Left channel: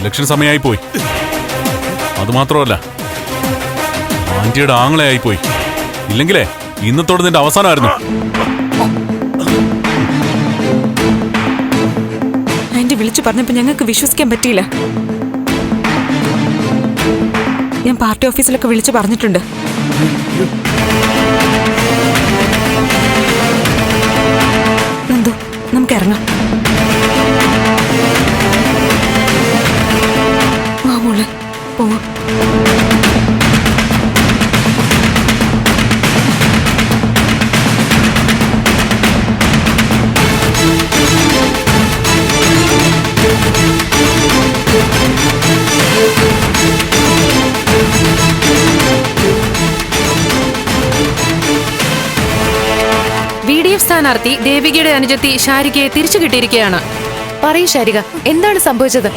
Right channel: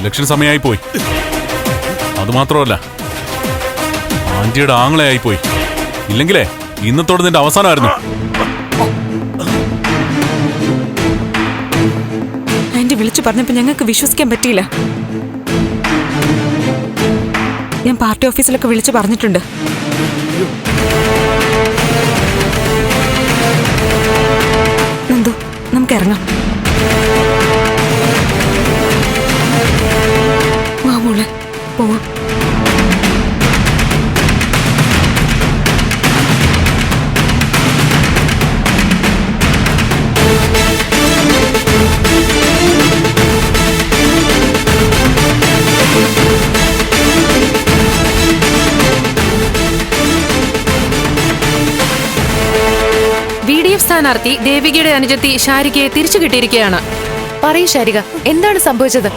Election സമയമായി പോയി. അതുമാത്രമല്ല, ആന്റിയുടെ ആങ്ങളെയായി പോയി. ഇല്ലെങ്കിലേ ഇന്നത്തോടെ നിന്റെ അവസാനമായിരുന്നു. ആന്റി വിളിച്ചു പറഞ്ഞപ്പോ ഞങ്ങൾക്ക് വിശ്വസിക്കാൻ പറ്റിയില്ല. ഞാൻ പാർട്ടി ഓഫീസിലൊക്കെ വിളിച്ചു പറഞ്ഞിട്ടുണ്ട്. നന്ദു, നമുക്ക് ഇറങ്ങാം. വാ മോളെ, പോവാം. VDF സ്ഥാനാർത്ഥി ദേവികയുടെ അനുജത്തി ശാരികയെ തിരിച്ചു കിട്ടിയിരിക്കുകയാണ്. പറയൂ ശാരിക, എന്താണ് സംഭവിച്ചത്?